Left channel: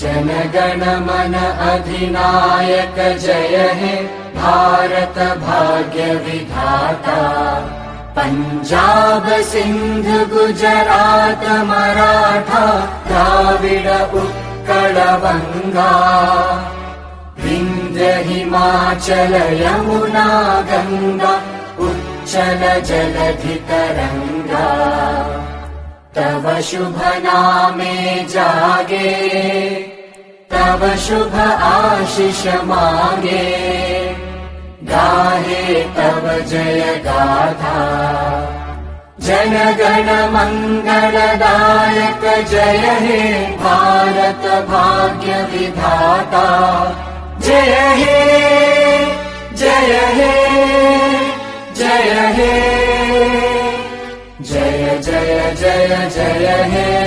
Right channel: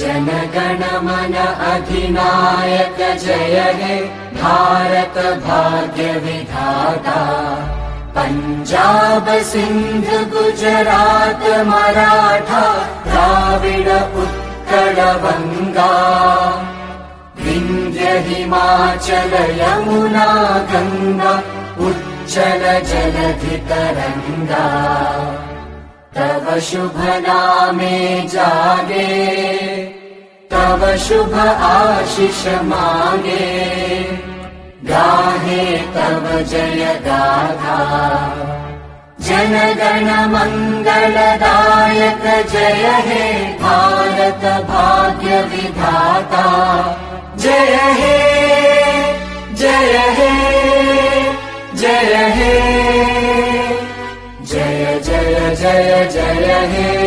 जनगण मन अधिनायक जय हे भारत भाग्य विधाता। पंजाब सिंध गुजरात मराठा द्राविड उत्कल बंगा। विंध्य हिमाचल यमुना गंगा उच्चल जलधि तरंगा। तव शुभ नामे जागे तव शुभ आशीष मांगे। गाहे तव जय गाथा जनगण मंगलदायक जय हे भारत भाग्य विधाता। जय हे जय हे जय हे जय जय जय जय हे।